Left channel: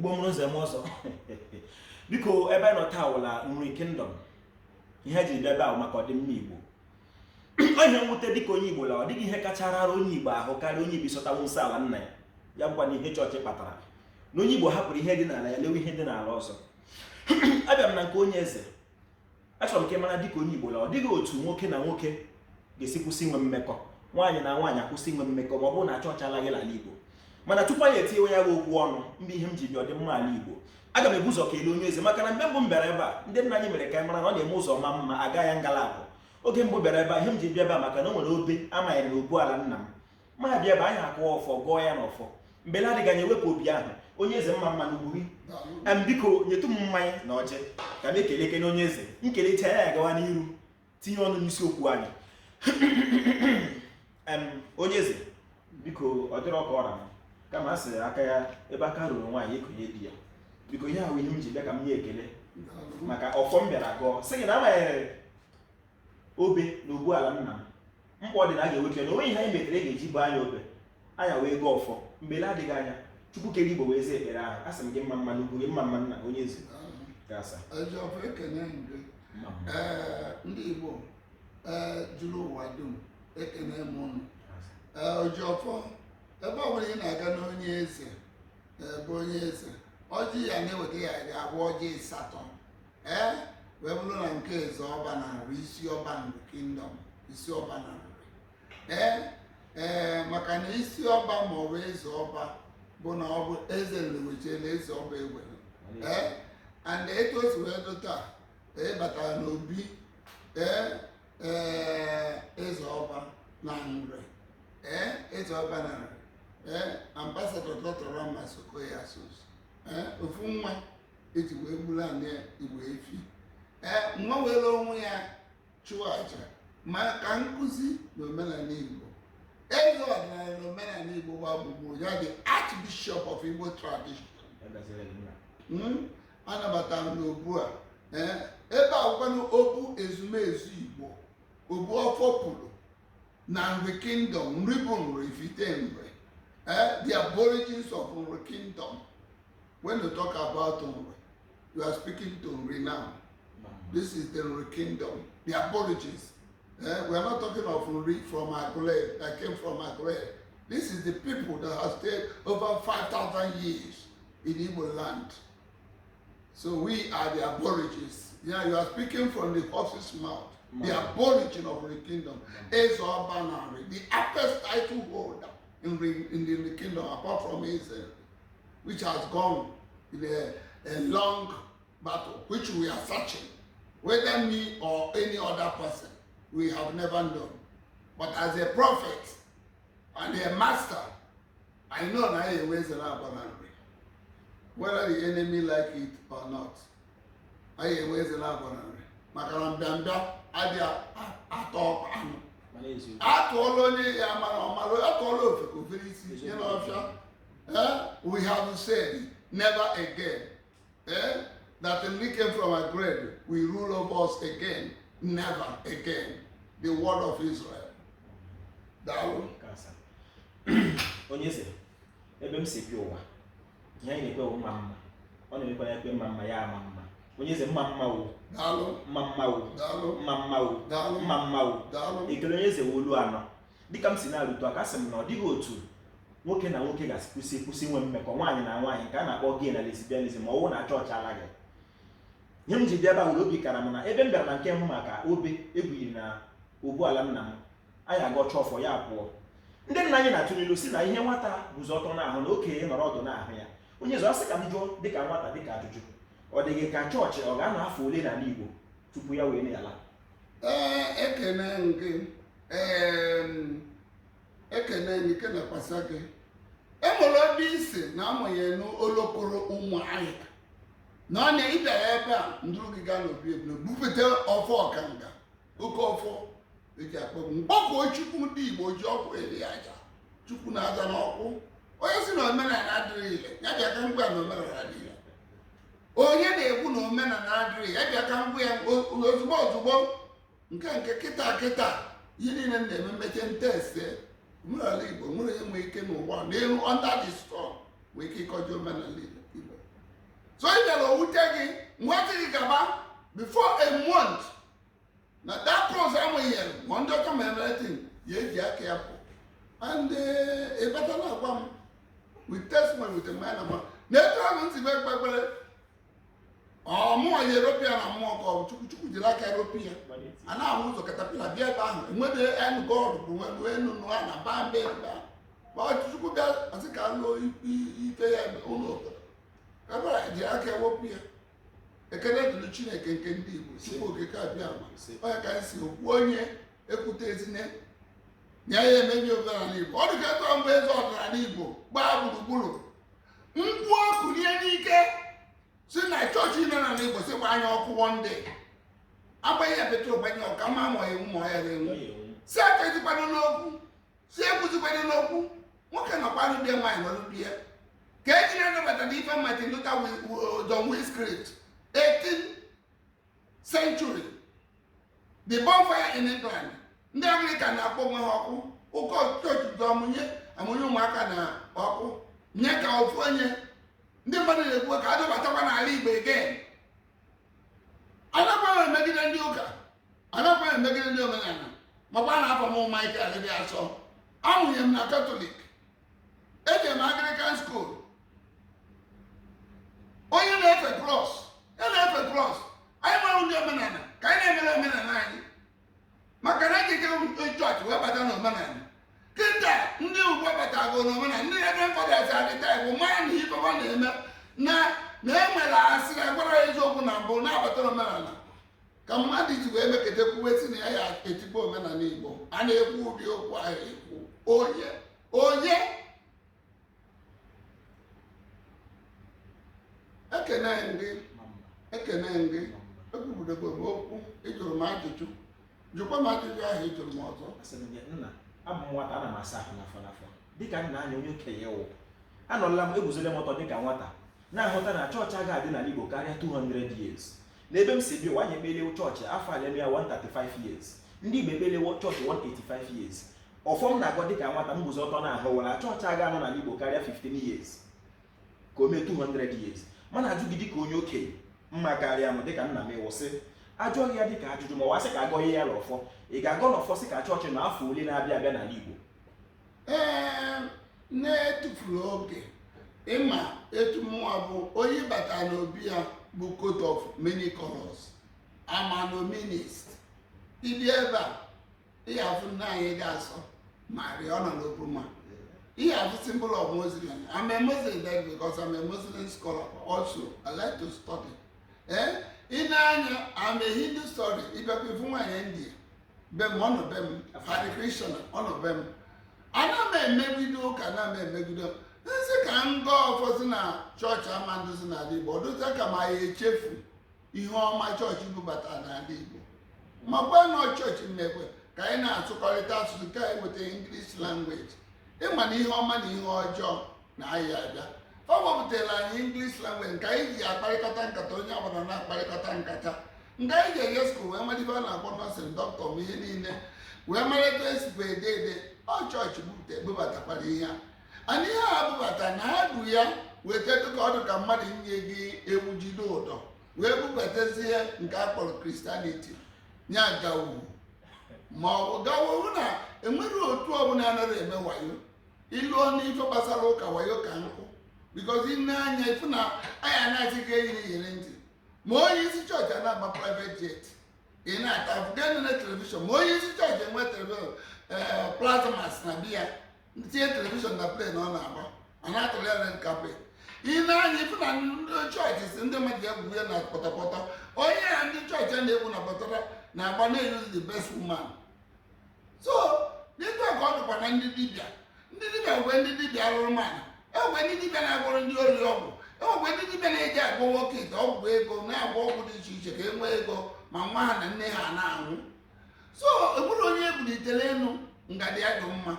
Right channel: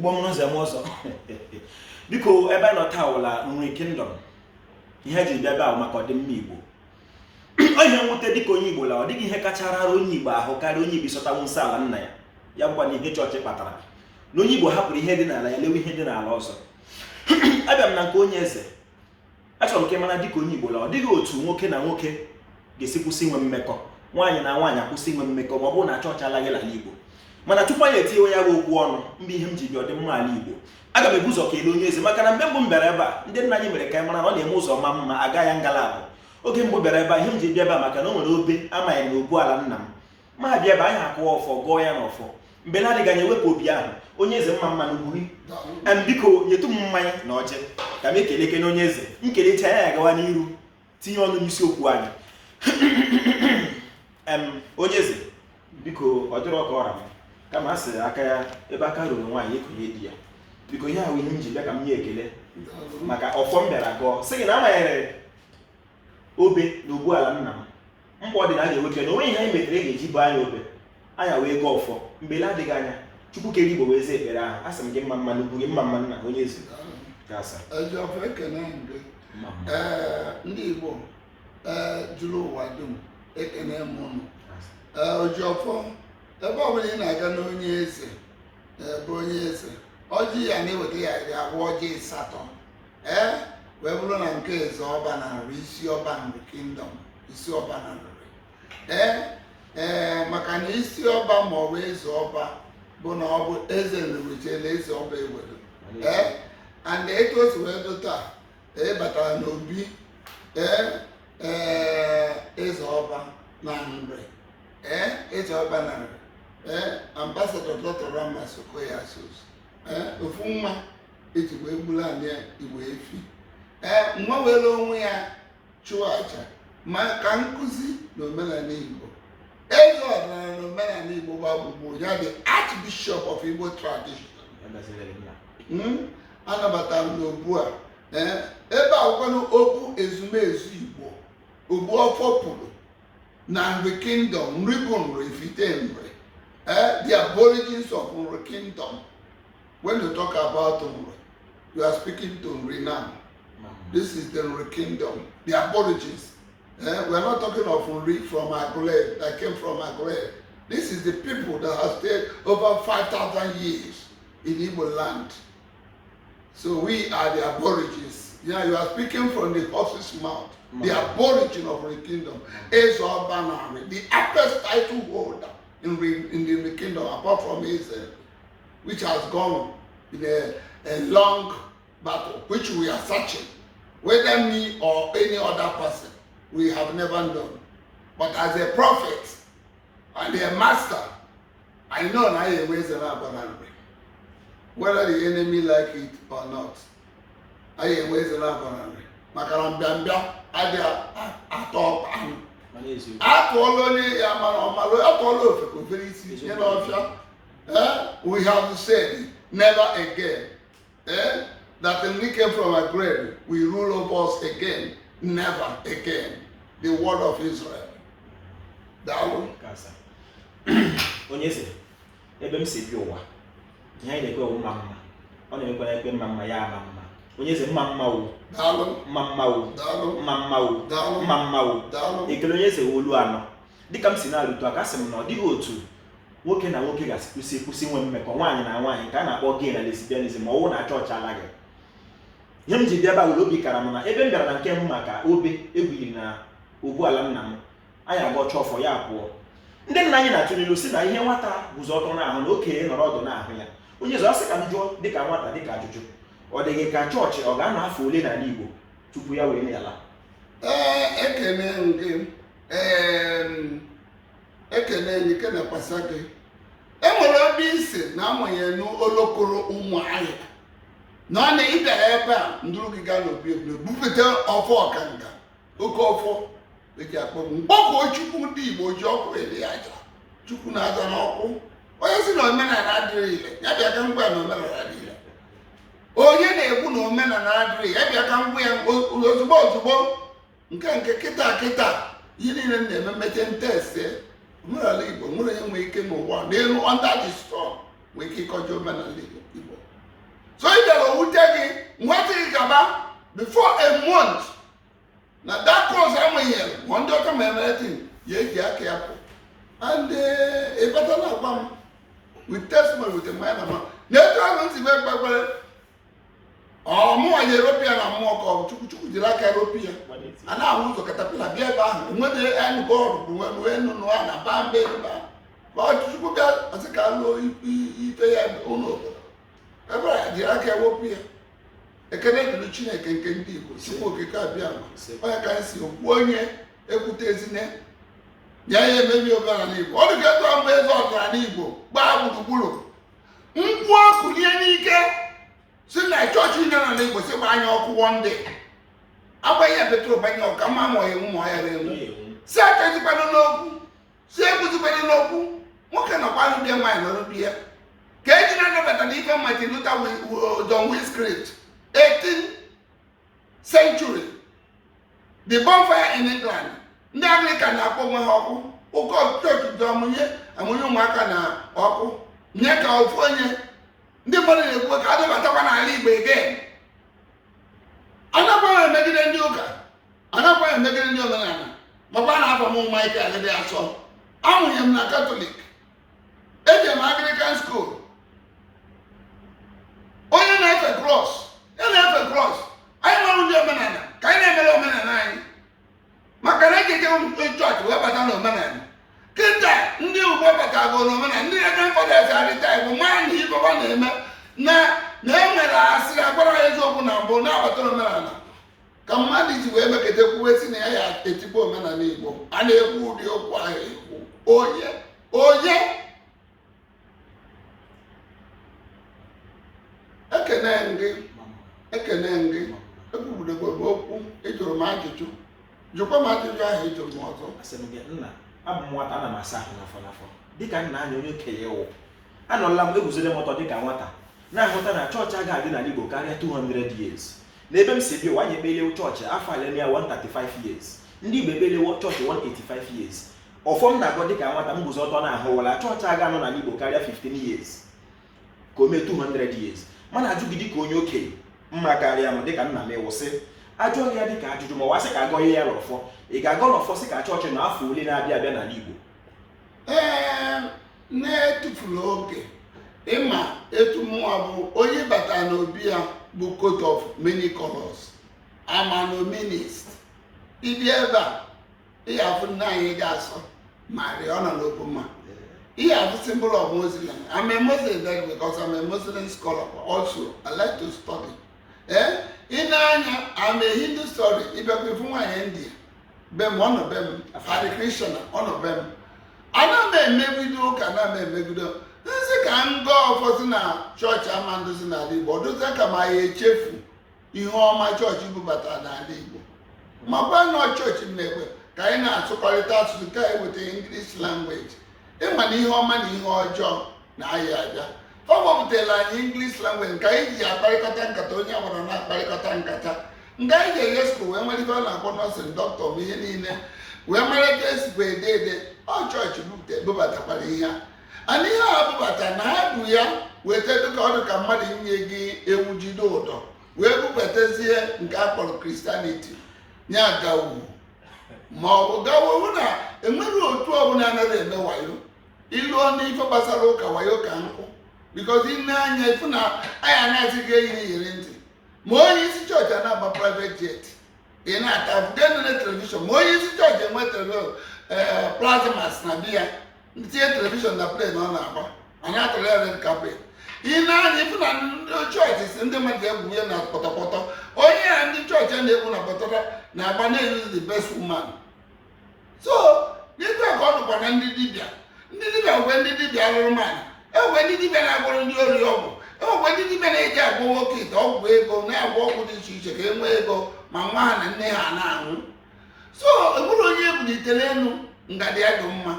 Igbo mụrụ nze m ọzọ. Biko ebe nọ taa wụla Nri Kingdom. Ihe ji bịa ebe ahụ maka ọdịmma Igbo. Onye nwute dịka onye Igbo la ọ dịghị ihe kacha rara onye Igbo ahụ karịa onye Igbo ịsọtanwu nsọ ala nna ya. Ya bụkwa na ihe chọọchị kpatara. Na onye Igbo hapụrụ ihe dị n'ala ya lewe ihe dị n'ala ọzọ. Abịa m na nke onye eze. Achọrọ m ka ị mara dịka onye Igbo la ọ dịghị otu nwoke na nwoke ga-esi kwụsị inwe mmekọ. Nwaanyị na nwaanyị akwụsị inwe mmekọ ma ọ bụrụ na chọọchị alaghị ala Igbo. Mana tupu anyị etinye ya bụ okwu ọnụ mgbe ihe m ji bịa ọdịmma ala Igbo, aga m ebu ụzọ kelee onye eze maka na mgbe mbụ m bịara ebe a ndị nna anyị mere ka anyị mara na ọ na-eme ụzọ ma mma aga ya ngalaba. Oge mbụ bịara ebe a ihe m ji bịa ebe a maka na o nwere obe amaghị na obu ala nna m ma bịa ebe anyị akụwa ọfọ gụọ ya n'ọfọ mgbe na-adịghị anya ewepụ obi ahụ onye eze mma mma n'ugwuri biko nyetụ m mmanya na ọjị ka m ekele na onye eze nkelecha ya ya gawa n'iru tinye ọnụ n'isiokwu anyị. Onye eze biko ọ dịrọ ka ọra m kama a sị aka ya ebe aka ruru nwaanyị ekonye di ya. Biko ihe ahụ ihe m ji bịa ka m nye ekele maka ọfọ m bịara gụọ sị gị na amanyere obe na ogbu ala nna m mkpa ọ dị na a ga-ewepịa na onweghị ihe anyị metere ga-eji bụ anya obe anya wee gụọ ọfọ mgbe na-adịghị anya Chukwu kere Igbo wee zaa ekpere ahụ. A sị m gị mma mma n'ugwu gị mma mma nna onye eze ndị Igbo jụrụ ụwa dum ekene m unu. Ojiọfọ ebe ọ bụla ị na-aga n'onye eze bụ onye eze ọjị ya na-eweta ya iri abụọ ọjị asatọ wee bụrụ na nke eze ọba na nri isi ọba Nri Kingdom isi ọba na nri maka na isi ọba ma ọ bụ eze ọba bụ na ọ bụ eze nriwechela eze ọba ewere and etu o si wee dụ taa batara n'obi eze ọba na nri eze ọba na nri Ambassador Dr. Rama Sokoya ofu nwa eji wee gburu anyị Igbo efi nwa were onwe ya chụọ aja maka nkụzi na omenala Igbo. Eze ọdịnala na omenala Igbo gbagbugbo ya the Archbishop of Igbo Tradition. Anabatara m n'obu a ebe akwụkwanụ okwu ezumezu Igbo ogbu ọfọ pụrụ na Nri Kingdom nri bụ nri ifite nri. The aborigines of Nri Kingdom. When you talk about Nri, you are speaking to Nri now. This is the Nri Kingdom. The aborigines. We are not talking of Nri from Agule that came from Agule. This is the people that have stayed over 5,000 years in Igbo land. So we are the aborigines. Yeah, you are speaking from the horse's mouth. The aborigine of Nri Kingdom. Ezo Banari, the first title holder in the Nri Kingdom, apart from Israel, which has gone in a long battle, which we are searching. Whether me or any other person, we have never known. But as a prophet and a master, I know I am raised abundantly. Whether the enemy like it or not, I am raised abundantly. Makarambamba, I atọ onye ya mara ọmara atọla ofeko very isi nye n'ọfịa. We have said never again. That when we came from a grave, we rule over us again. Never again. The word of Israel. Daalụ. Onye eze ebe m si bi ụwa ihe anyị na-ekwe mma mma ọ na-emekwa ya ekwe mma mma ya ama mma. Onye eze mma mma o Daalụ. mma mma o Daalụ. mma mma o Daalụ. mma mma o Daalụ. ekele onye eze wolu anọ dịka m si na-arụtụ aka sị m na ọ dịghị otu nwoke na nwoke ga-kwụsị inwe mmekọ nwaanyị na nwaanyị nke a na-akpọ gay na lesbianism ma ọ bụrụ na chọọchị alaghị. Ihe m ji bịa ebe ụlọ obi kara m na ebe m bịara na nke m maka obe ebughiri na ogbu ala nna m anyị agọcha ọfọ ya pụọ. Ndị nna anyị na-atụ n'ilu si na ihe nwata guzo ọtọ n'ahụ na okenye nọrọ ọdụ n'ahụ ya. Onye eze asị ka m jụọ dịka nwata dịka ajụjụ ọ dịghị ka chọọchị ọ ga-anọ afọ ole n'ala Igbo tupu ya wee na-ala? Ekene gị ekene gị kenekwasa gị. Enwere ebe isi na amanye n'olokoro ụmụ ahịa na ọ na-ịbịara ebe a ndụrụ gị gaa n'obi ebule bupụta ọfọ ọkanga oke ọfọ eji akpọ mgbakọ Chukwu ndị Igbo ji ọkụ eri aja Chukwu na-aza n'ọkụ. Onye si na omenala adịrị ile ya bịa ka ngwa na omenala dị ile. Onye na-ekwu na omenala adịrị ya bịa ka ngwa ya ozugbo ozugbo nke kịta ihe niile na-eme mmeche ntese omenala Igbo nwere onye nwere ike n'ụwa n'elu under the storm nwee ike ịkọjọ omenala Igbo. so ị bịara owute gị nweta gị gaba before a month na that course amụnyere ma ndị ọka ma everything ya eji aka ya pụ and ịbatala akwa m with testimony with a minor man na-etu ahụ nsi mee kpekpere ọmụwa ya Europia na mmụọ ka ọ chukwu jiri aka Europia a na-ahụ ụzọ katapila bịa ebe ahụ enwere enụ bọọlụ bụ nwere nnụnụ a na ba mbe ebe ahụ chukwu bịa asị ka lụọ ife ya ụlọ obodo ebe a jiri aka Europia ekele dịrị Chineke nke ndị Igbo si okike abịa ma onye ka si okwu onye ekwute ezine ya ya emebi omenala Igbo ọ dịka etu mgbe eze ọdịnala Igbo gbaa gburugburu mkpu ọkụ nye n'ike si na chọọchị nọ n'ala Igbo si gba anya ọkụ wọnde agbanye petrol banye ọka ma amụghị ụmụ ya na-enwu si aka ezikwana n'okwu si ekwuzikwana n'okwu nwoke nọkwanụ dị nwaanyị nọrụ di ya ka eji na-anabata n'ife Martin Luther John Wycliffe 18th century the bonfire in England ndị Anglican na-akpọ onwe ha ọkụ ụkọ chọọchị dị amụnye ụmụaka na ọkụ nye ka ofu onye ndị mmadụ na-ekwu ka adịbatakwa n'ala Igbo again anakwaghị emegide ndị ụka anakwaghị emegide ndị omenala makwa na afọ m Michael dị asọ amụnye m na Catholic eji m Anglican school onye na-efe cross anyị nwere ndị omenala ka anyị na-emere omenala anyị maka na ekeke chọọchị wee bata na omenala kịta ndị Ugbo batago n'omenala ndị grandfathers arịta Igbo maa na ibeba na-eme na-enwere asịrị agwara ya eziokwu na mbụ na-abata omenala ka mmadụ ji wee meketa kwuwe si na ya etigbo omenala Igbo a na-ekwu ụdị okwu ahụ ekwu onye ekene gị ekwubudogbo bụ okwu ịjụrụ m ajụjụ jụkwa m ajụjụ ahụ ịjụrụ m ọzọ nna abụ m nwata ana m asa ahụ n'afọ dịka nna anya onye okenye wụ anọla m eguzole m ọtọ dịka nwata na-ahụta na chọọchị agaghị adị n'ala Igbo karịa 200 years n'ebe m si bi ụwa anyị ekpelewo chọọchị afọ alemia 135 years ndị Igbo ekpelewo chọọchị 185 years ọfọm na-agọ dịka nwata m guzo ọtọ na-ahụwala chọọchị aga anọ n'ala Igbo karịa 15 years ka o mee 200 years mana ajụ gị dịka onye okenye mma karịa m dịka nna m ịwụsị ajụghị ya dịka ajụjụ ma wasị ka agọghị ya n'ọfọ ị ga-agọ n'ọfọ sị ka chọọchị na afọ ole na-abịa abịa n'ala Igbo na-etufuru oge ịma etu mụnwa bụ onye bata n'obi ya bụ coat of many colors amanominist ịbịa ebe a ihe afụ nna anyị ga-asọ ma rịọ nọ n'okpoma ihe afụ symbol of Muslim. I'm a Muslim there because I'm a Muslim scholar also. I like to study. In Anya, I'm a Hindu story. If I go from India, one of them, Hare Krishna, one of them. I don't maybe do, can I maybe do. This is a can go for the church. I'm under the Nadibo. Do that come my chief. You know my church, you but Nadibo. My brother, church in Nebo. Kaina, so call it out to the guy with the English language. Ịma na ihe ọma na ihe ọjọọ na-ayị abịa ọ gbapụtala anyị English language nke anyị ji akparịkọta nkata onye agbara na-akparịkọta nkata nke anyị ji enye skul wee mara ife a na-akpọ nọọsịn dọkịta ma ihe niile wee mara etu esikwa ede ọ chọọchị bubatakwara ihe a na ihe a bubata na ha bu ya weta dịka ọ dị ka mmadụ inye gị ewu jide ụdọ wee bubatazie nke a kpọrọ Christianity nya gawu ma ọ bụ gawu na enwere otu ọbụla anaghị eme wayo ilu n'ife gbasara ụka wayo ka nkụ because ine anya ifu na anyị anaghịzi eyiri ntị ma onye isi chọọchị na-agba private jet ị na-ata afụdenene telivishọn ma onye isi chọọchị enwe plasmas na biya tinye telivishọn na plen ọ na-agba anyị atụrụ ya red carpet ine anya ifu na ndị chọọchị si ndị mmadụ egwu ya na pọtọpọtọ onye ya ndị chọọchị a na-egwu na pọtọrọ na-agba na-eyuzi the best woman so n'ịtụ ka ọ dụkwa na ndị dibịa mgbe ndị dibịa alụrụ mana enwe ndị dibịa na-agwọrọ ndị ori ọgwụ enwekwe ndị dibịa na-eji agwọ nwoke ite ọgwụ ego na-agwọ ọgwụ dị iche iche ka e nwee ego ma nwa ha na nne ha na-anwụ so enwere onye ebulitere elu ngadi ya dị mma